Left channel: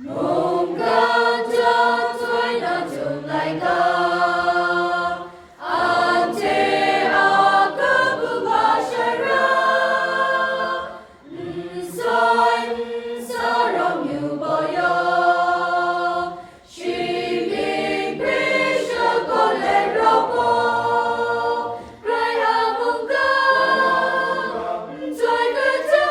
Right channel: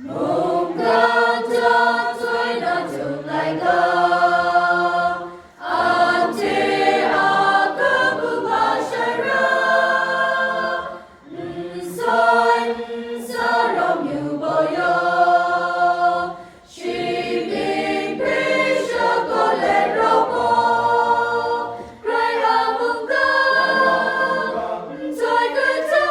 Mungkan Jahtoi na Chyum Laika Ante Akabubashara Nsoi Nsarom Yuboyo Shibing Prisha Koleropo Raya Mungkan Ntoi Kata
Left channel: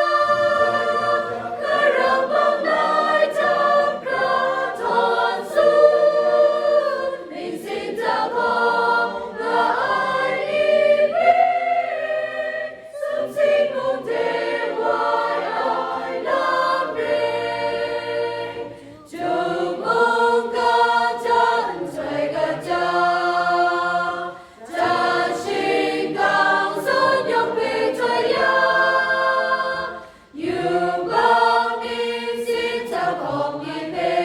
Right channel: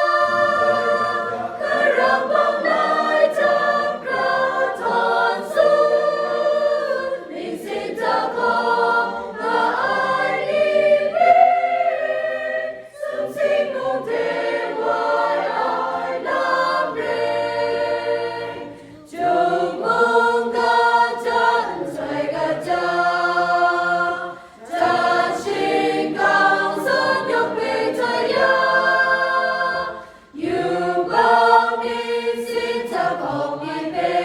Karapang Nai Tam Kraton Sun Nisita Ko Na Ai Ni Ring Sum Sing Mung Te Wai Ai Lam Ring Chung Mung Ka Chan Chai Ka Cha Cha Shing Kang Sun Yong Pi Choi Ya Yu Bang Nin Sin Ta Kong Yin Pe